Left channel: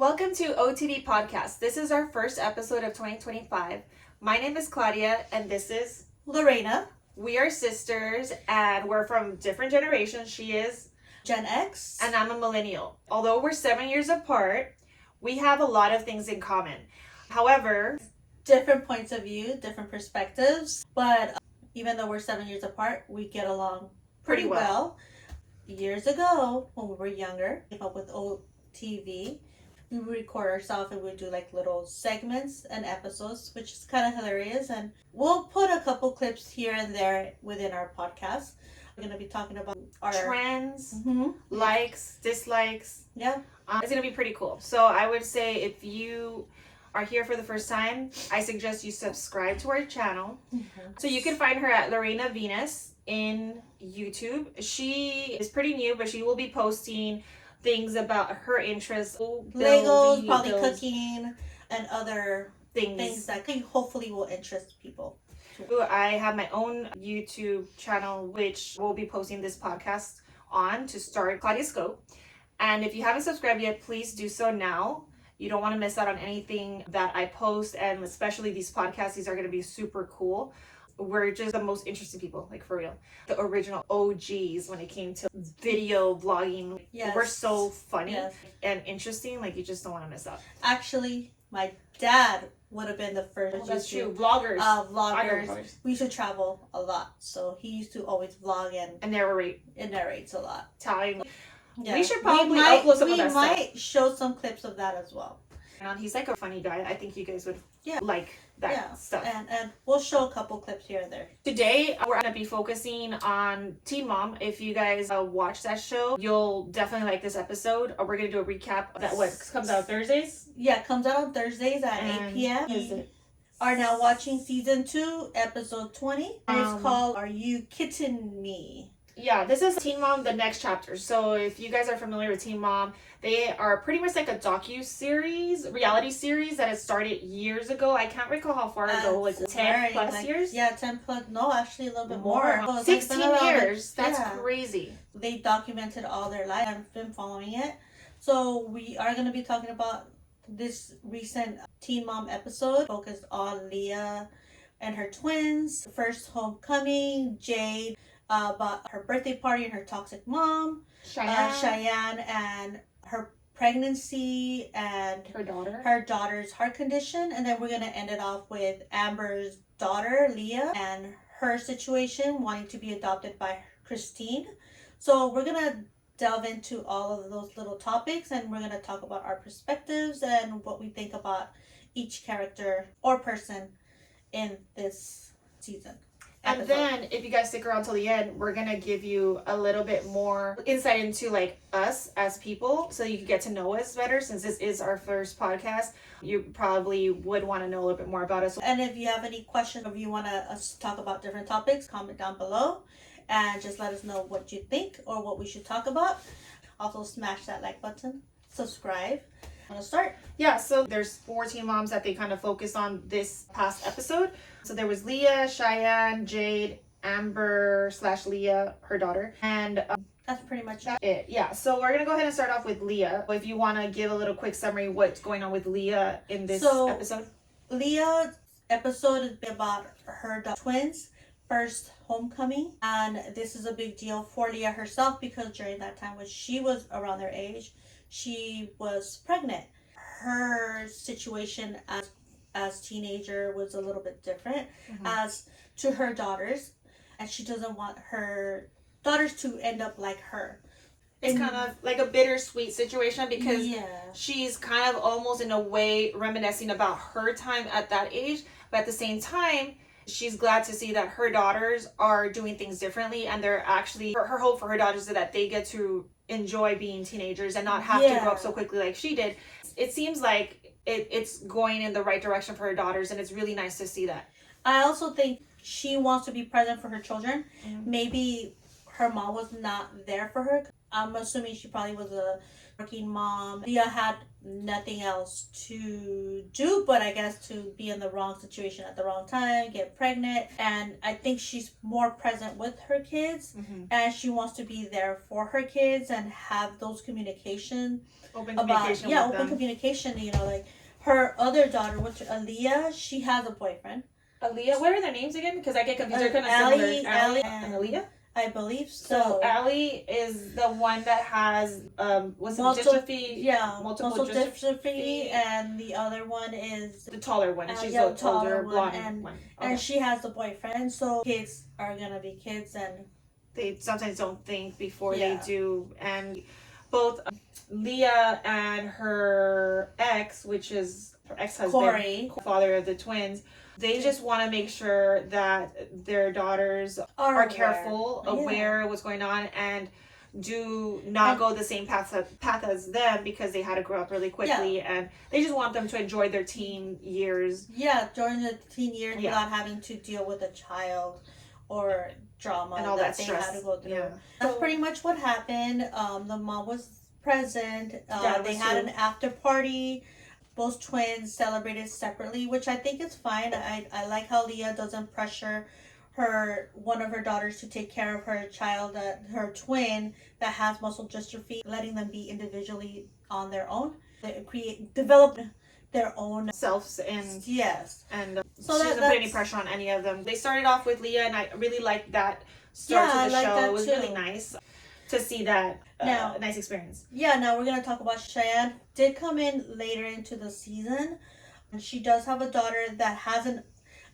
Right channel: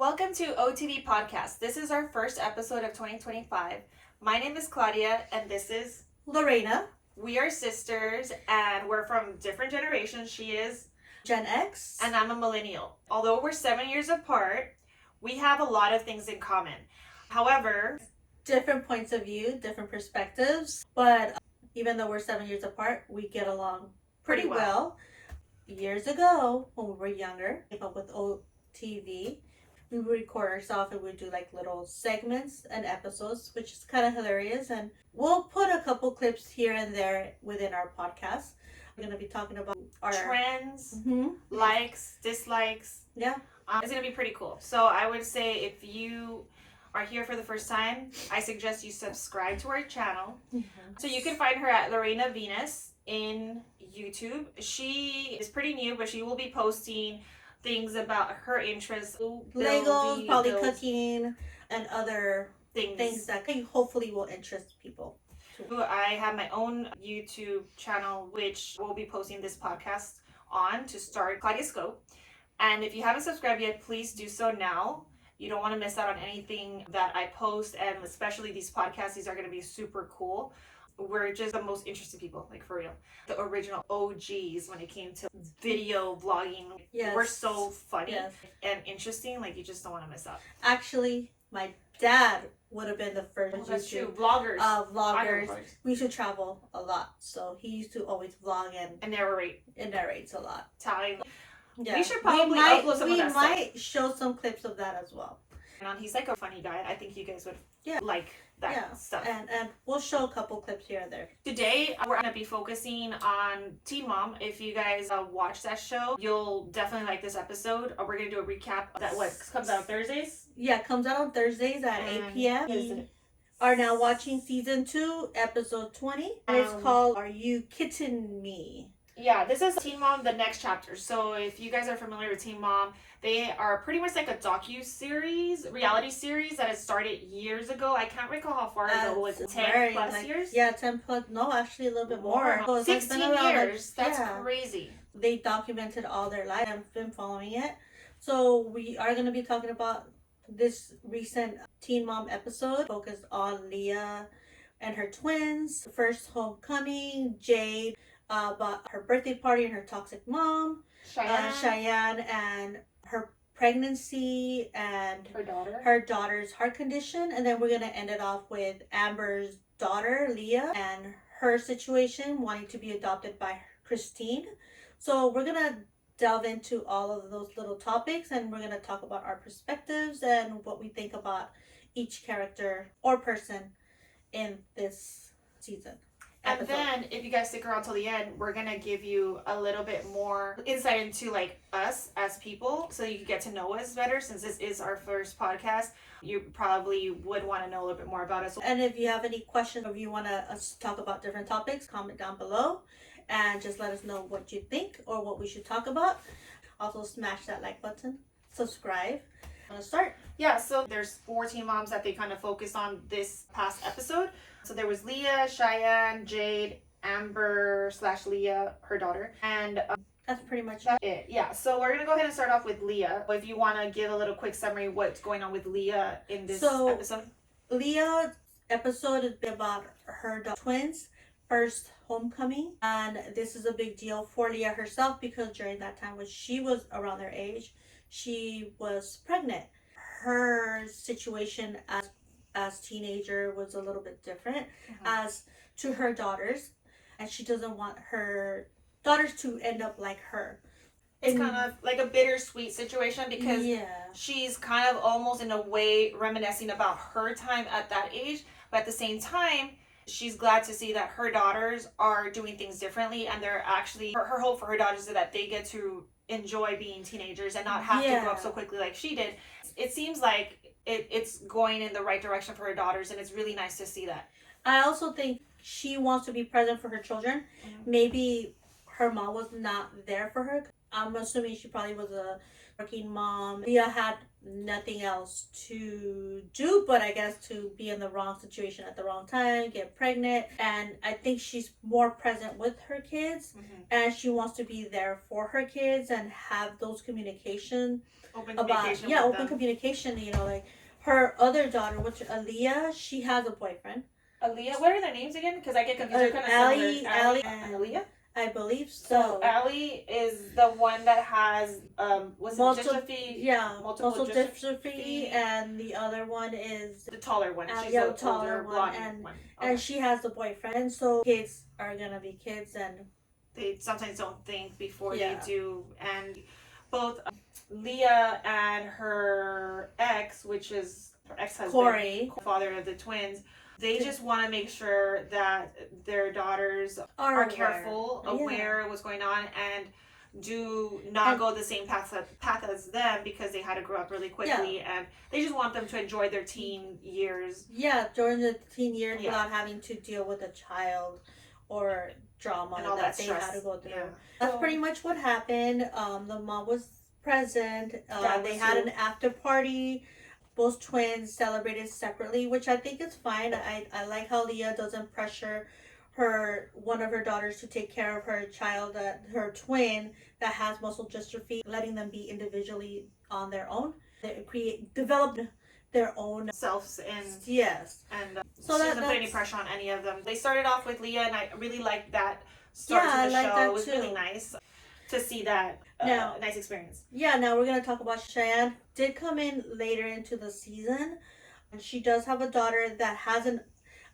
Welcome to OTV Podcast. This is our first episode of 2025. My name is Claudia and this is Lorena. We are sisters and we're from different generations. She is Gen X. And I'm a millennial. Although we're 7 years apart, we have a lot of things in common. However, different points of view, different perspectives, but even though we're 7 years apart, we get along pretty well. Years ago, when we were younger, came up with OTV. We would record ourselves and we do like little segments and episodes, which is kind of hilarious. And we'll put a couple clips here and there within our podcast. We're going to be talking about our trends, likes, dislikes. Yeah. It's going to be pretty cool. So I would say if you are here for the first time, I suggest you subscribe to our channel. So you can find her at Lorena Venus in YouTube. She is pretty new, but she will be posting things about her interests, Legos, probably cooking, and other things that hopefully will interest people. I have my own YouTube channel, which we'll be posting this podcast on to start Claudia Scope. And if you haven't subscribed yet, please do so now. You don't want to miss out on anything that I post, and especially these podcasts. These are going to be super cool. We're just the most interesting people, like for real. The original OGs when it came to video vlogging. Yes. We're so funny and interesting. Like you just don't want to miss out. Actually, my dad would have been the first. Oh, that's true. Vloggers. Vloggers. We used to travel a lot, so he used to always vlog and narrate. It narrates a lot. Telling. Yeah. We should probably upload some of that stuff. We might show some clips of that as well. He's like a funny guy. I think you guys would like that stuff. And we'll show a couple clips here and there. Today, we're going to be focusing on Teen Mom. If you guys watch that show, you'll definitely like this episode. We're going to do a recap that comes out on Thursdays. Yeah, it comes out on Thursdays at 8 p.m. We are now watching season 2, episode 20. And it's called Are You Kidding Me? Yeah, this is Teen Mom, the next chapter. So if you guys are familiar with Teen Mom, they are pretty much like a docu-series, reality series that has started years ago. I can't recall how far ago. Was it 10 plus years? Yeah, 10 plus. No, actually a little bit more. So 16 years. That's crazy. They documented all their life. I've been following it. So we are going to be talking about this recent Teen Mom episode focused on Leah and her twins. First homecoming, Jade. About her birthday party and her toxic mom, Cheyenne, and her pregnancy and her daughter's heart condition. And then we're going to end it off with Amber's daughter, Leah, and her situation wanting to be adopted by Christine. So we're going to delve into all of those little topics, and we're going to talk about our perspectives and what we think about each character or person in this season. And then, if you guys stick around till the end, we're going to give you a little bit more insight into, like, us as people, so you can get to know us better. Since this is our first podcast, you probably would want to know a little bit more about us. And if you have any questions, or if you want us to talk about different topics, comment down below, and just let us know what you think or what we should talk about. Also, smash that like button, subscribe. Want to start? Yeah, so there's 4 Teen Moms that they kind of focused on this past episode. So there was Leah, Cheyenne, Jade, Amber / Leah, her daughter, and that's pretty much it. Yeah, so we're gonna go ahead and start off with Leah. If you want to give a little quick summary what's going on with Leah in this episode. Leah's episode is about her twins' first homecoming, and this is a big deal for Leah herself because during that time when she was around their age, she was pregnant. Her situation as teenager was a little bit different as to her daughters, and she doesn't want her daughters to end up like her. It's kind of like a bittersweet situation because she's kind of almost in a way reminiscing about her time at that age, but at the same time she's glad to see that her daughters are doing things differently, and they're actually her hope for her daughters is that they get to enjoy being teenagers and not have to grow up so quickly like she did. It seems like it's going in the right direction for her daughters, and it's really nice to see that. I also think she wants to be present for her children. Maybe her mom was not there for her. I'm assuming she probably was a working mom. Leah had nothing else to do but I guess to be in the wrong situation at the wrong time, get pregnant, and I think she's more present with her kids, and she wants to be there for her kids and have those open communication, you know, like her other daughter, which Aaliyah, she has a boyfriend. Aaliyah, what are their names again? Because I get confused. They're kind of Allie, similar. Allie and Aaliyah? I believe so. So Allie is the one that has dystrophy? Yeah, multiple dystrophy, and the other one is the taller one. She's the older blonde one. And she has a boyfriend, so kids are gonna be kids, and they sometimes don't think before they do. And both Leah and her ex, which is her ex-husband, Corey, father of the twins, they just want to make sure that their daughters are careful, aware of what's going on, and do not go the same path as them, because they had to grow up really quickly, and they just want them to enjoy their teen years. Yeah, during the teen years without having to deal with a child or drama and all that they stress. Had to go through. Yeah. That's pretty much what happened. The mom was present. They had an after party. Both twins celebrated separately, which I think is fine. I like how Leah doesn't pressure one of her daughters to take care of her child, her twin that has muscle dystrophy, letting them be individually on their own. They develop their own selves, and so she doesn't put any pressure on any of them. They started off with Leah, and I really liked that start to the show. It was really nice to see that nice experience. Yeah, now we're going to talk about Cheyenne. Did come in later into the season, and she does have a daughter that has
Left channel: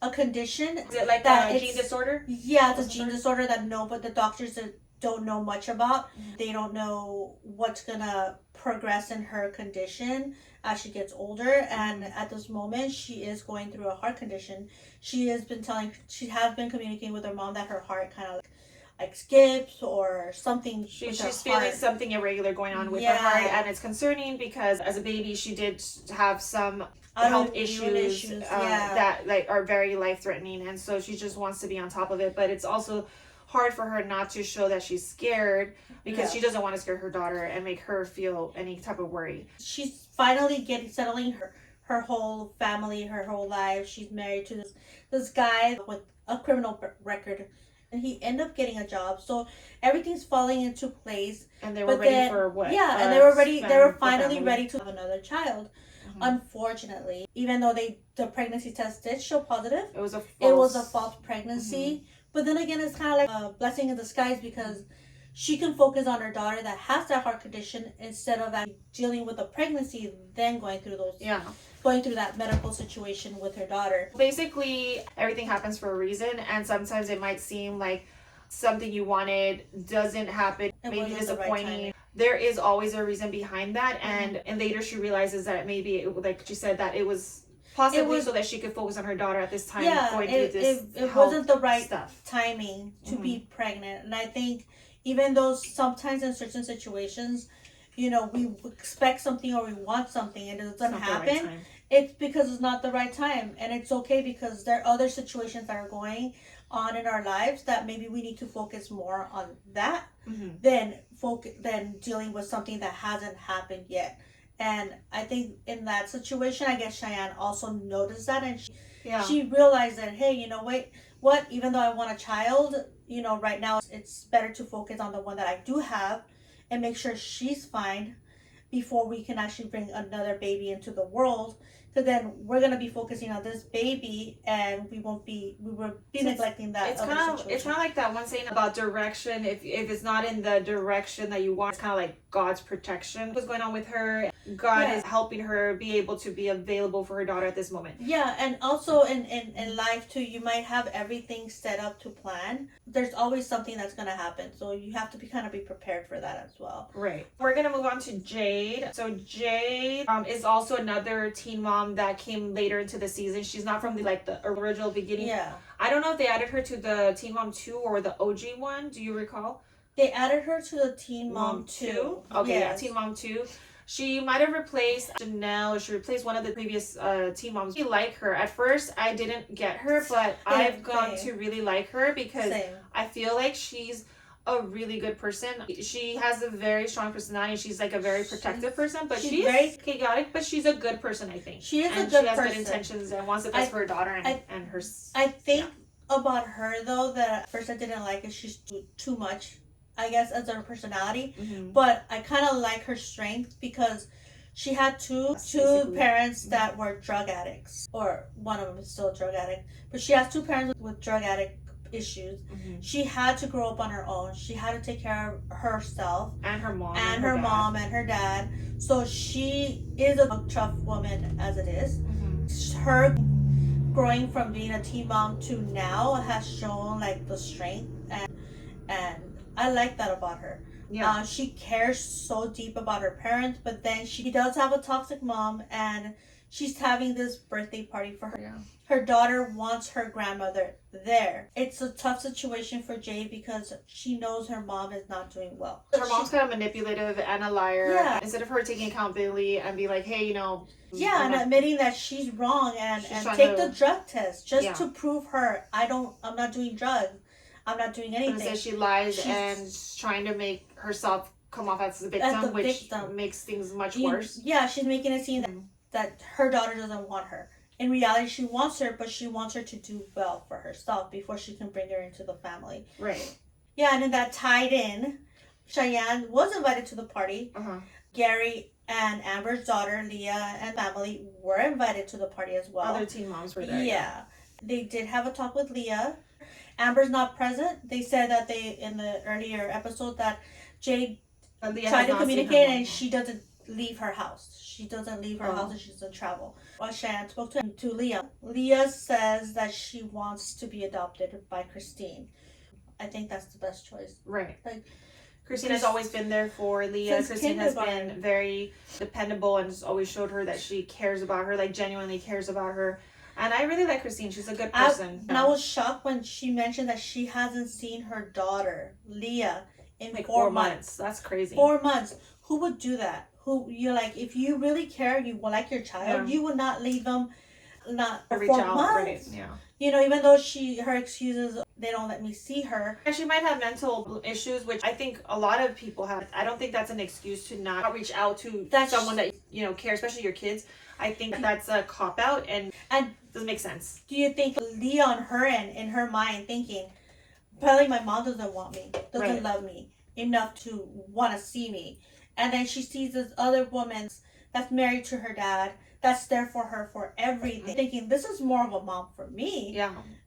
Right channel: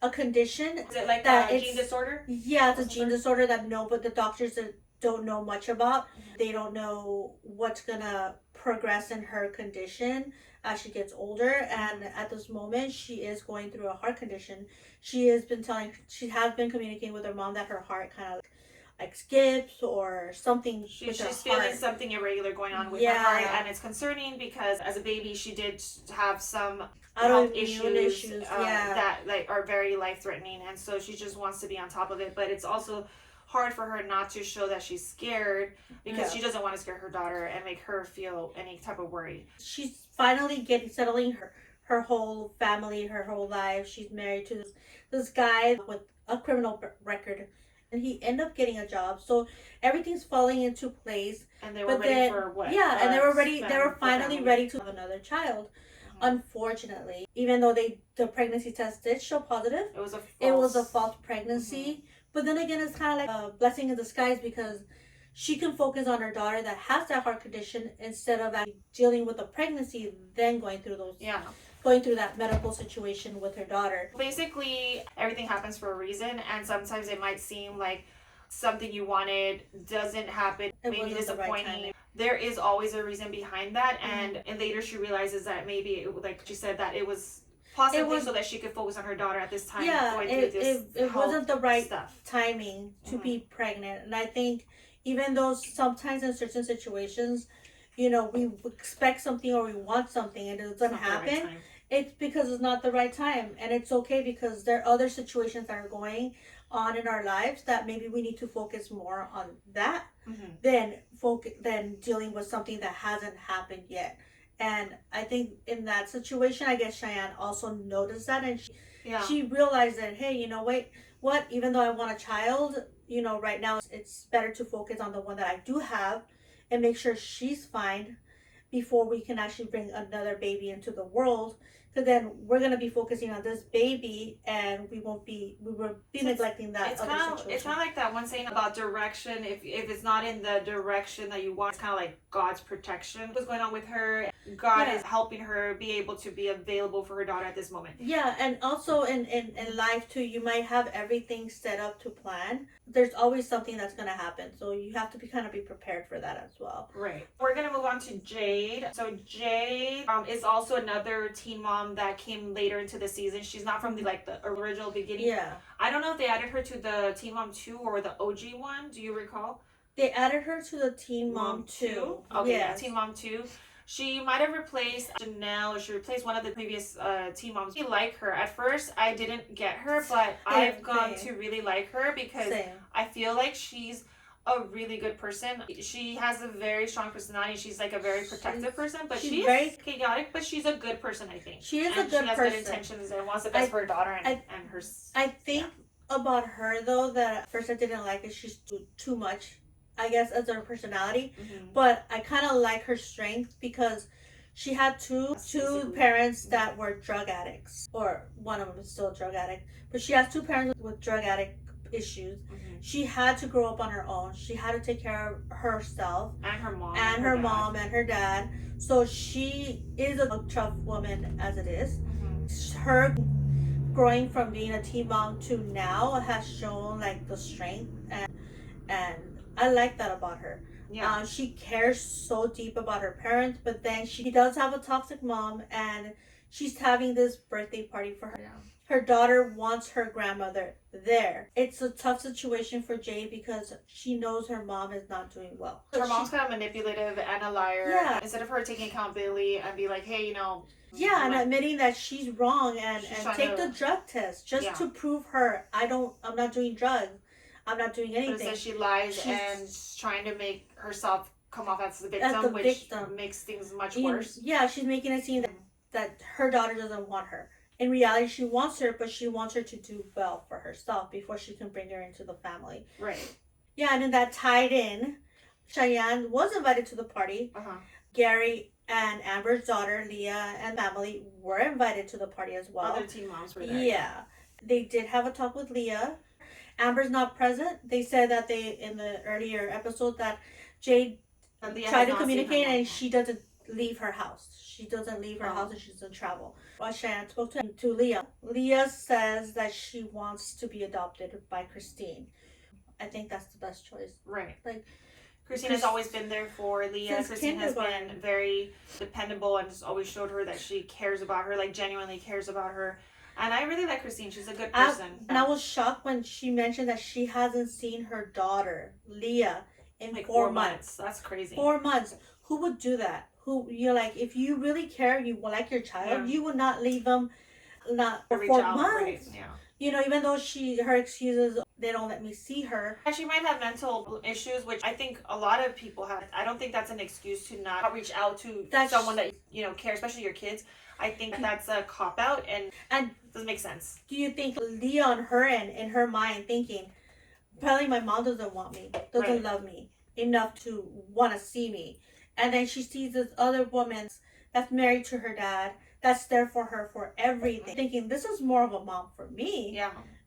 a condition. Is it like a gene disorder? Yeah, it's a gene disorder that but the doctors don't know much about. They don't know what's going to progress in her condition as she gets older, and at this moment she is going through a heart condition. She has been communicating with her mom that her heart kind of like skips or something. She's feeling something irregular going on with her heart, and it's concerning because as a baby she did have some health issues that like are very life-threatening, and so she just wants to be on top of it. But it's also hard for her not to show that she's scared, because she doesn't want to scare her daughter and make her feel any type of worry. She's finally settling her whole family, her whole life. She's married to this guy with a criminal record, and he ended up getting a job, so everything's falling into place. And they were ready for what? Yeah, and they were ready. They were finally ready to have another child. Unfortunately, even though the pregnancy test did show positive, it was a false pregnancy. But then again, it's kind of like a blessing in disguise, because she can focus on her daughter that has that heart condition instead of dealing with the pregnancy, then going through that medical situation with her daughter. Basically, everything happens for a reason, and sometimes it might seem like something you wanted doesn't happen, maybe disappointing. There is always a reason behind that, and later she realizes that maybe, like she said, that it was possibly so that she could focus on her daughter at this time. It wasn't the right timing to be pregnant. And I think even though sometimes in certain situations, you know, we expect something or we want something and it doesn't happen, it's because it's not the right time. And it's okay, because there are other situations that are going on in our lives that maybe we need to focus more on that than dealing with something that hasn't happened yet. And I think in that situation, I guess Cheyenne also noticed that, and she realized that, hey, you know, what? Even though I want a child, you know, right now it's better to focus on the one that I do have and make sure she's fine before we can actually bring another baby into the world. Because then we're gonna be focusing on this baby, and we will be neglecting that. It's kind of like that one saying about direction. If it's not in the direction that you want, it's kind of like God's protection. What's going on with her? God is helping her be able to be available for her daughter at this moment. Yeah, and also in life too, you might have everything set up to plan. There's always something that's gonna happen, so you have to be prepared for that as well. Right. We're gonna move on to Jade. So Jade is also another teen mom that came later into the season. She's not from the original beginning. Yeah. I don't know if they added her to the Teen Mom 2 or the OG one. Do you recall? They added her to the Teen Mom 2. Okay, yeah, Teen Mom 2. She might have replaced Janelle, or she replaced one of the previous teen moms. I like her. At first, I didn't get her, but I've come to really like her, because I feel like she's a really good person. She has a very strong personality. She's like a very protective person, but she's very chaotic, but she's a good person, I think. She is and a good she has person. Good intentions and wants the best for her daughter and her. I think about her though that at first I didn't like it. She's too much, I guess, as her personality. But I kind of like her strength because she had two parents that were drug addicts, or one of them is still a drug addict. But she has two parents with drug addict issues. She had to grow up on her own. She had to take care of herself and her mom and her mom and her dad. So she is a tough woman as it is. Her growing from being a teen mom to now has shown like the strength, and I like that about her. Yeah. She cares so deep about her parents, but then she does have a toxic mom, and she's having this birthday party for her. Yeah. Her daughter wants her grandmother there. It's a tough situation for Jade because she knows her mom is not doing well. Her mom's kind of manipulative and a liar. Yeah. Instead of her taking accountability and be like, hey, yeah, and admitting that she's wrong and take the drug test just to prove her I'm not doing drugs. I'm not doing anything. So she lies and trying to make herself come off as the victim, which makes things much worse. Yeah, she's making it seem that her daughter doesn't want her. In reality, she wants her, but she wants her to do well for herself before she can bring her into the family. Right. Yeah, and then that tied in, Cheyenne was invited to the party. Gary and Amber's daughter, Leah, and family were invited to the party as well. Other teen moms were there. Yeah. They did have a talk with Leah. Amber's not present. They said that in the earlier episode that Jade tried to communicate and she doesn't leave her house. She doesn't leave her house and she doesn't travel. Well, Cheyenne spoke to Leah. Leah says that she wants to be adopted by Christine. I think that's the best choice. Right. Like, Christine has always been there for Leah. Christine has been very dependable and just always showed her that she cares about her, like genuinely cares about her. And I really like Christine. She's a good person. And I was shocked when she mentioned that she hasn't seen her daughter, Leah, in like 4 months. That's crazy. 4 months. Who would do that? You're like, if you really care, you like your child, you would not leave them for 4 months. Right. Yeah. Even though her excuses, they don't let me see her. And she might have mental issues, which I think a lot of people have. I don't think that's an excuse to not reach out to someone that care, especially your kids. I think that's a cop-out and doesn't make sense. Do you think Leah on her end, in her mind, thinking, probably my mom doesn't want me, doesn't love me enough to want to see me. And then she sees this other woman that's married to her dad, that's there for her for everything, thinking this is more of a mom for me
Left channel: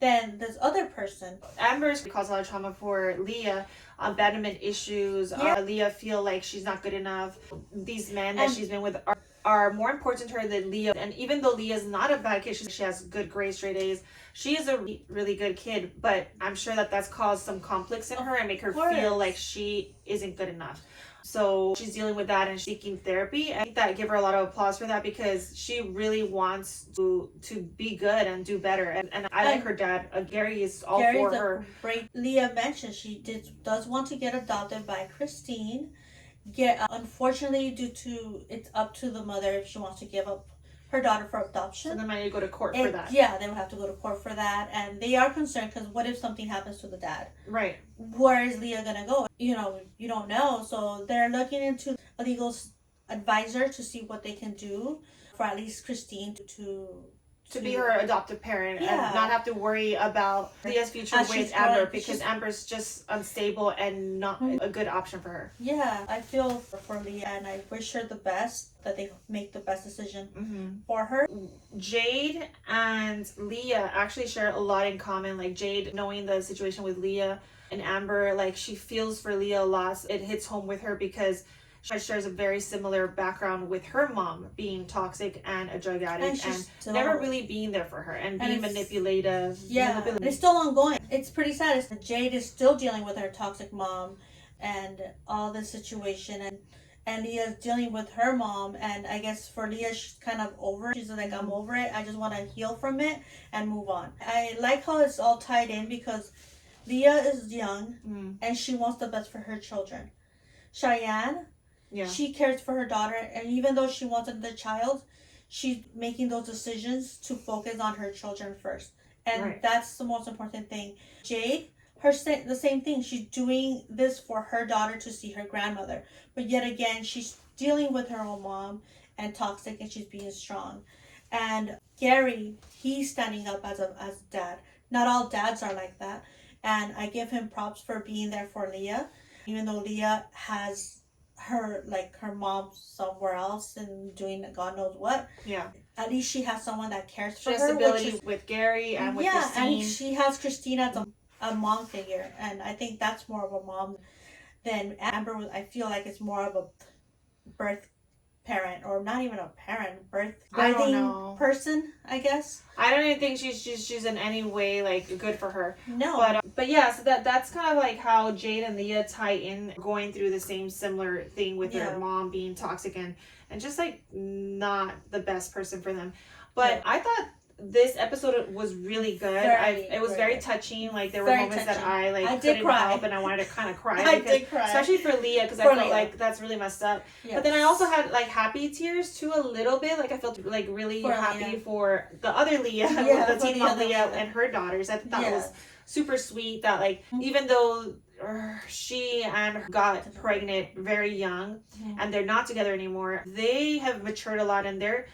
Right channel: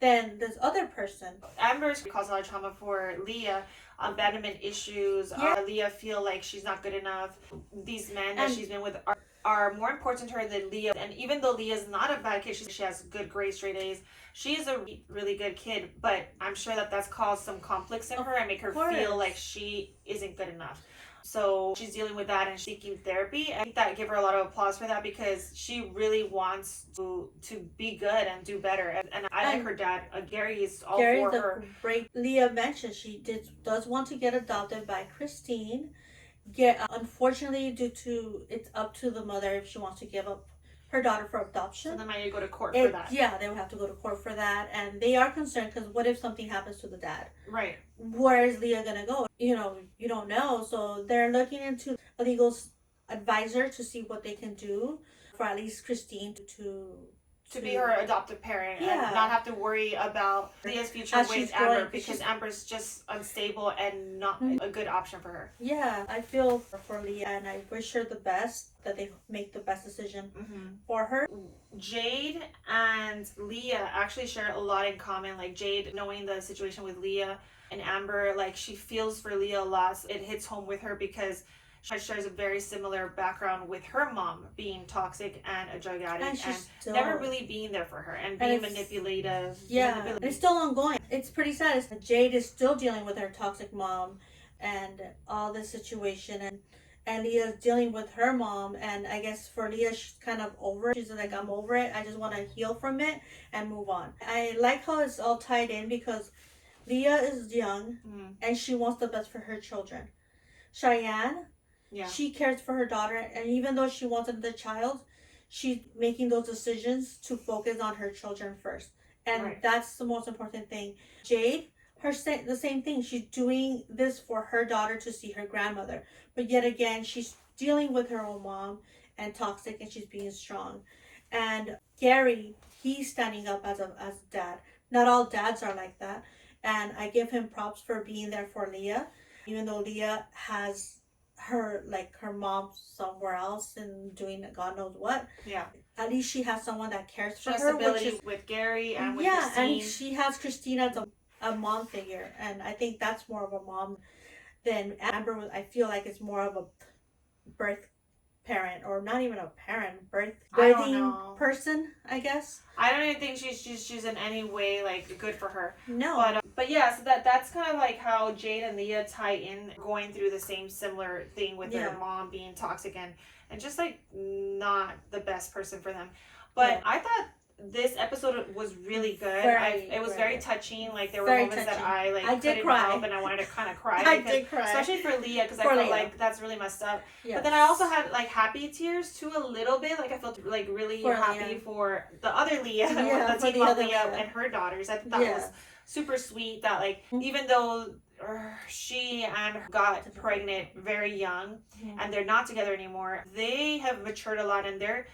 than this other person. Amber's caused a lot of trauma for Leah. Abandonment issues. Leah feel like she's not good enough. These men that she's been with are more important to her than Leah. And even though Leah's not a bad kid, she has good grades, straight A's. She is a really good kid, but I'm sure that that's caused some conflicts in her and make her feel like she isn't good enough. So she's dealing with that and seeking therapy. I think that give her a lot of applause for that because she really wants to be good and do better. And I like her dad. Gary is all for her. Great. Leah mentioned she does want to get adopted by Christine. Unfortunately, due to it's up to the mother if she wants to give up her daughter for adoption. And then might need to go to court for that. Yeah, they would have to go to court for that. And they are concerned because what if something happens to the dad? Right. Where is Leah going to go? You don't know. So they're looking into a legal advisor to see what they can do for at least Christine to be her adoptive parent and not have to worry about Leah's future with Amber because Amber's just unstable and not a good option for her. Yeah, I feel for Leah and I wish her the best, that they make the best decision for her. Jade and Leah actually share a lot in common. Like Jade, knowing the situation with Leah and Amber, like she feels for Leah a lot. It hits home with her because she shares a very similar background with her mom being toxic and a drug addict and never really being there for her and being manipulative. Yeah, it's still ongoing. It's pretty sad. Jade is still dealing with her toxic mom and all this situation and Leah's dealing with her mom, and I guess for Leah she's kind of over it. She's like, I'm over it. I just want to heal from it and move on. I like how it's all tied in because Leah is young and she wants the best for her children. Cheyenne, she cares for her daughter, and even though she wants another child, she's making those decisions to focus on her children first. And that's the most important thing. Jade the same thing. She's doing this for her daughter to see her grandmother, but yet again, she's dealing with her own mom and toxic, and she's being strong. And Gary, he's standing up as dad. Not all dads are like that, and I give him props for being there for Leah, even though Leah has her mom somewhere else and doing God knows what. Yeah. At least she has someone that cares for her. She has stability with Gary and with Christine. And she has Christine as a mom figure, and I think that's more of a mom than Amber. I feel like it's more of a birth parent, or not even a parent, birthing person, I guess. I don't even think she's in any way like good for her. No. But yeah, so that's kind of like how Jade and Leah tie in, going through the same similar thing with their mom being toxic and just like not the best person for them. But I thought this episode was really good. It was very touching. Like there were moments that I couldn't help, and I wanted to kind of cry. I did cry, especially for Leah, because I felt like that's really messed up. Yes. But then I also had like happy tears too, a little bit. Like I felt like really happy for the other Leah, the teen mom Leah and her daughters. I thought that was super sweet. That like even though she and her got pregnant very young, and they're not together anymore, they have matured a lot, and they're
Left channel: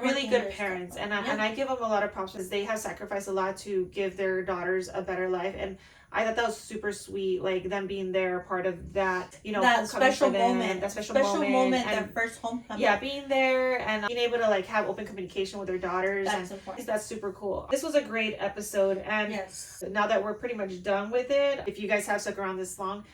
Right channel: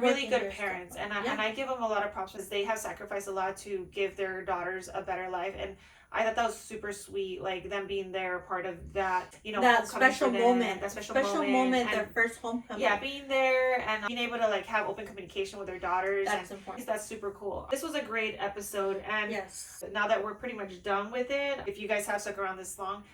really good parents, and I give them a lot of props because they have sacrificed a lot to give their daughters a better life, and I thought that was super sweet, like them being there, part of that, that special moment, that special moment, their first homecoming. Yeah, being there and being able to like have open communication with their daughters. That's important. That's super cool. This was a great episode, and now that we're pretty much done with it, if you guys have stuck around this long,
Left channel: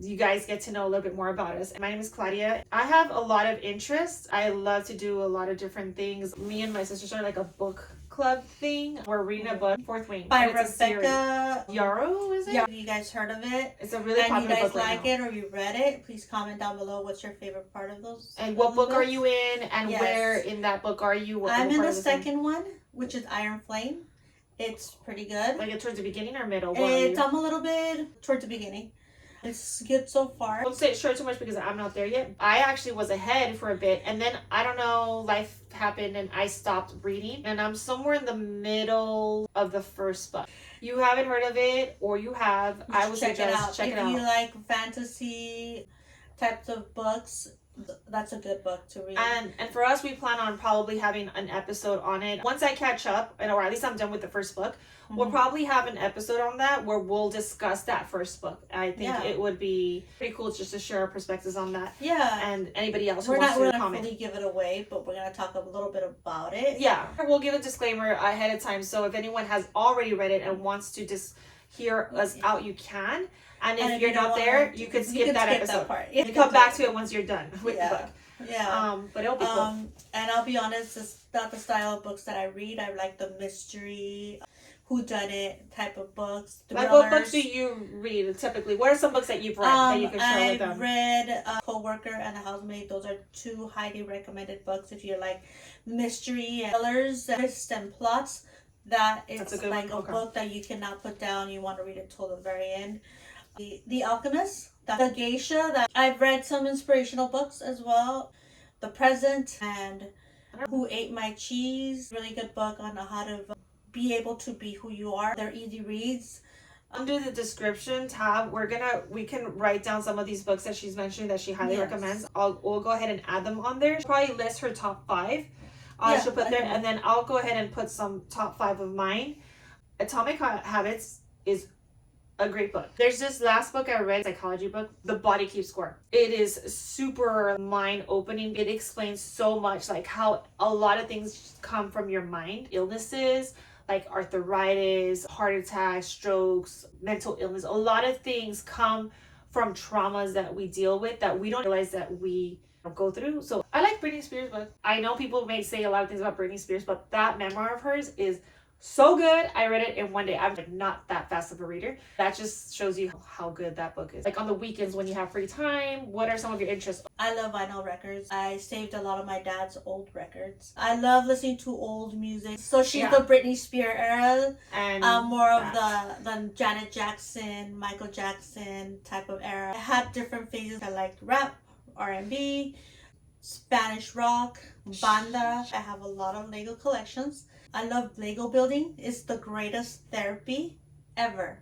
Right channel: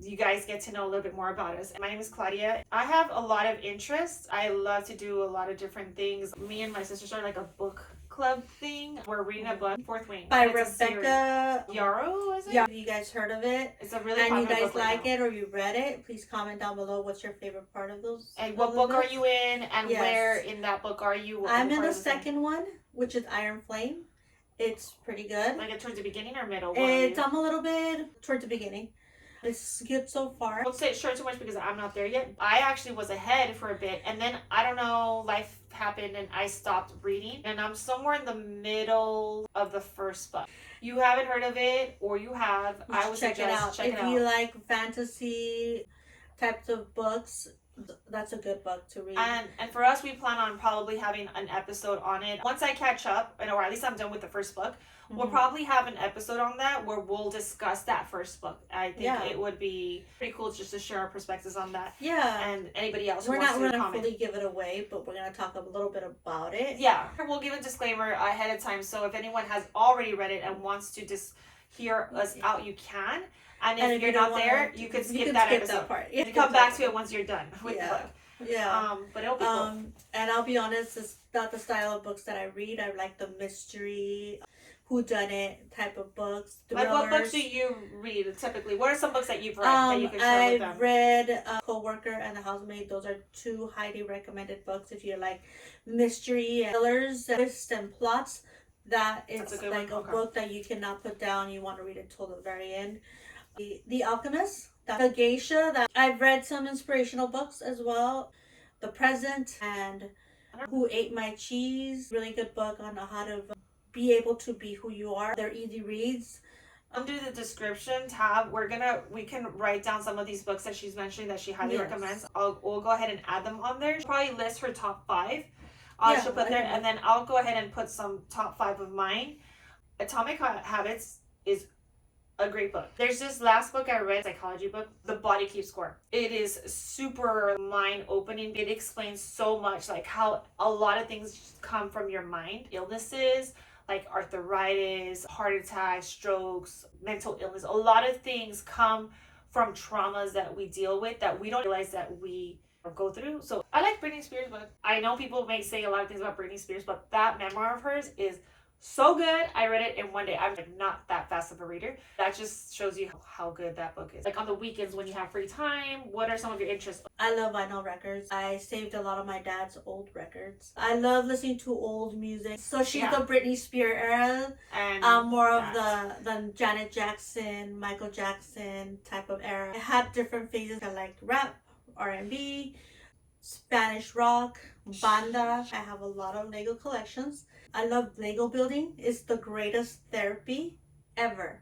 you guys get to know a little bit more about us. My name is Claudia. I have a lot of interests. I love to do a lot of different things. Me and my sister started like a book club thing. We're reading a book, Fourth Wing, by Rebecca Yarrow, is it? Yeah, you guys heard of it? It's a really popular book. And you guys like it or you read it? Please comment down below what's your favorite part of those. And what book are you in? And where in that book are you? I'm in the second one, which is Iron Flame. It's pretty good. Like towards the beginning or middle? It's a little bit towards the beginning. It's good so far. I won't say short too much because I'm not there yet. I actually was ahead for a bit, and then I don't know, life happened and I stopped reading, and I'm somewhere in the middle of the first book. You haven't heard of it, or you have, I would suggest check it out. If you like fantasy types of books, that's a good book to read. And for us, we plan on probably having an episode on it. Once I catch up, or at least I'm done with the first book, we'll probably have an episode on that where we'll discuss that first book. I think it would be pretty cool just to share our perspectives on that. Yeah. And anybody else who we're wants not to going to comment. fully give it away, but we're going to talk a little bit about it. Yeah. We'll give a disclaimer ahead of time. So if anyone has already read it and wants to just hear us out, you can. And if you're not there, you can skip that episode. That part. You can come back to it once you're done with the book. Yeah. But it'll be cool. And I'll be honest, it's not the style of books that I read. I like the mystery, whodunit type of books. Like what books do you read typically? What are some books that you've read that you can share with them? I've read Co-Worker and The Housemaid. Those are two highly recommended books if you like mystery and thrillers, twists and plots. It's like a book that you cannot put down. You want to read it till the very end. The Alchemist, The Geisha. That I've read some inspirational books as well. The Present and Who Ate My Cheese. Really good book on how to be able to be who you are. They're easy reads. Under the description tab, we can write down some of these books that she's mentioning that she highly recommends. We'll go ahead and add them on there. She'll probably list her top 5. She'll put there, and then I'll go ahead and put some top 5 of mine. Atomic Habits is a great book. There's this last book I read, psychology book, The Body Keeps Score. It is super mind-opening. It explains so much, like how a lot of things come from your mind. Illnesses, like arthritis, heart attacks, strokes, mental illness. A lot of things come from traumas that we deal with that we don't realize that we go through. So I like Britney Spears' book. I know people may say a lot of things about Britney Spears, but that memoir of hers is so good. I read it in one day. I'm not that fast of a reader. That just shows you how good that book is. Like on the weekends when you have free time, what are some of your interests? I love vinyl records. I saved a lot of my dad's old records. I love listening to old music. So she's the Britney Spears era. And more of the Janet Jackson, Michael Jackson type of era. I had different phases. I liked rap, R&B, Spanish rock, banda. I have a lot of Lego collections. I love Lego building. It's the greatest therapy ever.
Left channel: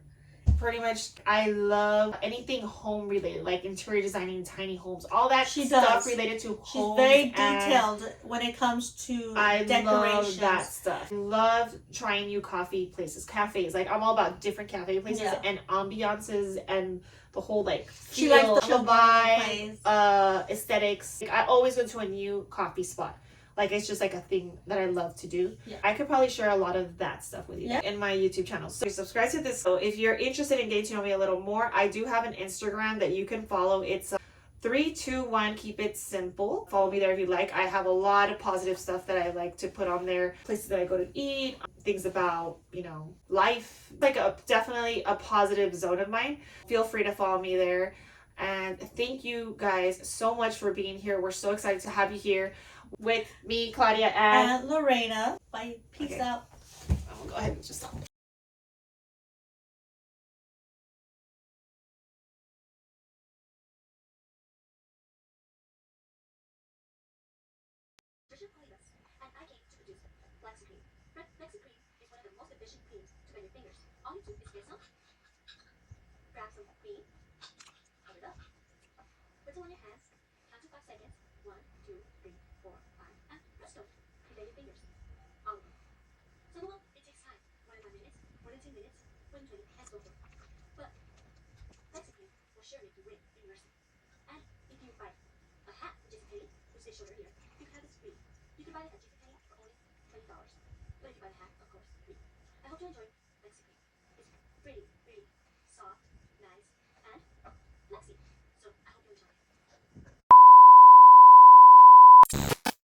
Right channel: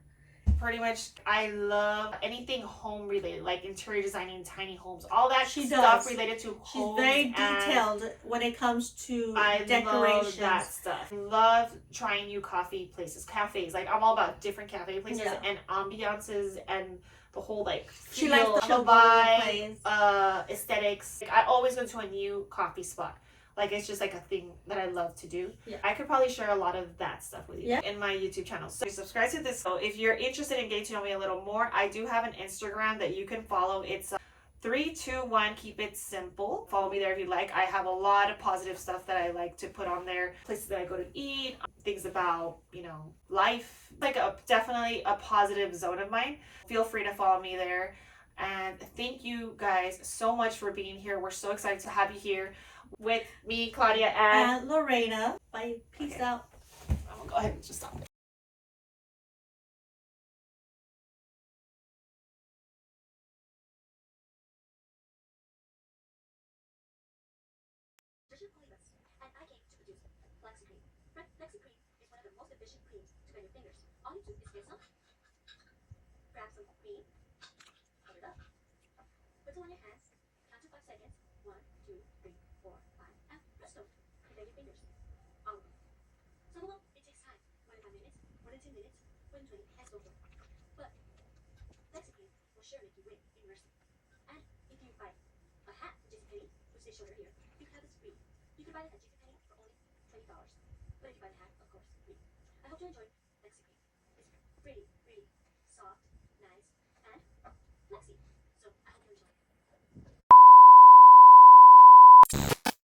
pretty much, I love anything home related, like interior designing, tiny homes, all that related to homes. She's very detailed when it comes to decorations. Love that stuff. I love trying new coffee places, cafes. Like, I'm all about different cafe places and ambiances and the whole like feel, she likes the vibe, aesthetics. Like, I always go to a new coffee spot. Like, it's just like a thing that I love to do. Yeah. I could probably share a lot of that stuff with you in my YouTube channel. So subscribe to this. So if you're interested in getting to know me a little more, I do have an Instagram that you can follow. It's 321 keep it simple. Follow me there if you like. I have a lot of positive stuff that I like to put on there. Places that I go to eat, things about, you know, life. Like definitely a positive zone of mine. Feel free to follow me there. And thank you guys so much for being here. We're so excited to have you here with me, Claudia, and Lorena. Bye. Peace out. I'm gonna go ahead and just stop. And I came to produce Flexi Cream. Flexi Cream is one of the most efficient creams to bend your fingers. All you do is get some, grab some cream, hold it up, put it on your hands, count to 5 seconds. 1, 2, 3, 4, 5, and presto, you bend your fingers. All of them. Some of them, it takes time. More than 5 minutes, more than 10 minutes, more than 20, and so forth. But Flexi Cream will sure make you win in mercy. And if you buy a hat from GTKU, which they showed earlier, you can have this free. You can buy it at GTKU for only $20. But if you buy the hat, of course, free. I hope you enjoyed Flexi Cream. It's pretty, pretty soft.